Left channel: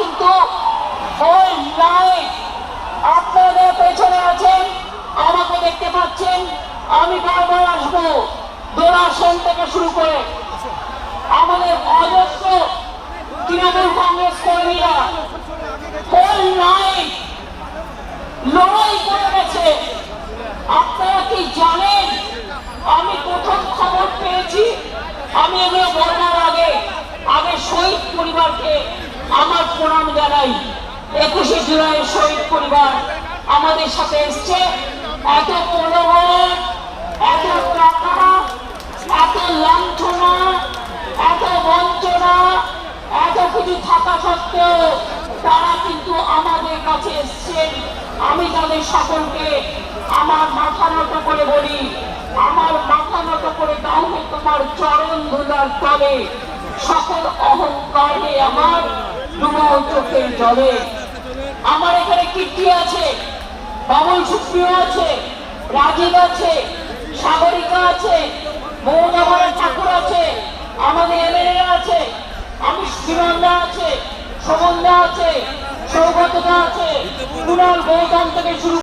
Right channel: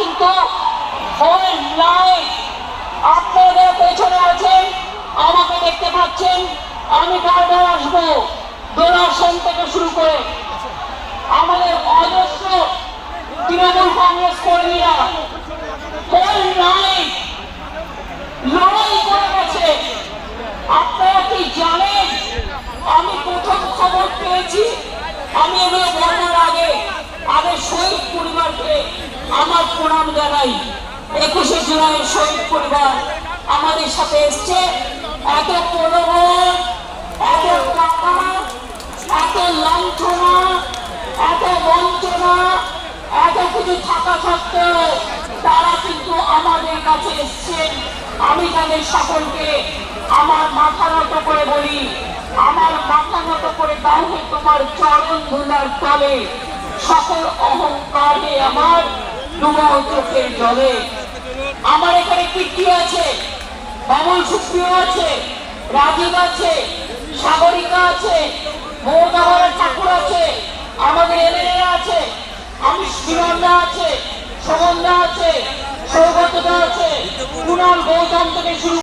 কিন্তু whole line আপনাদের পেছনে আছেন, আমাকে দেখতে পাচ্ছেন। আমি বারবার আসবো, ডোনাশন থেকে শুরু করে আমাদের অজস্র তৃণমূল কংগ্রেস কর্মীরা হোল লাইন লড়াই করে গেছে। আপনারা কি জানেন, আমি প্রথম খবর পেয়েছি, আমি এগুলো বলার আগে শহীদ পরিবারকে আমার প্রণাম জানাই। 21শে জুলাই শহীদ পরিবার আমাদের সাথে এসছে। এত প্রলোভন, এত টাকা, এত লাঞ্ছনা, এত বঞ্চনা, এত কিছু থাকা সত্ত্বেও তারা কিন্তু আমাদের কাছে এসছেন। আমি তাদের সকলকে আমার মাথা নত করে বলি, আমার মাথা নত করে দাও হে তোমার চরণ ধুলার তলে, সকল অহংকারে আমার ডুবো চোখের জলে। আমার এখানে কীর্তি আছে, বামন সুপ্রিয় আছে, রাজীব আছে, সাগরিকা আছে, মৌদাবাড়ের ঠাকুর আছে, আমাদের এমএলএ আছে, আমি শ্রীমন্দা আছে, সুমন্দা আছে, সৌগতদা আছে, কুণাল গৌতম থেকে শুরু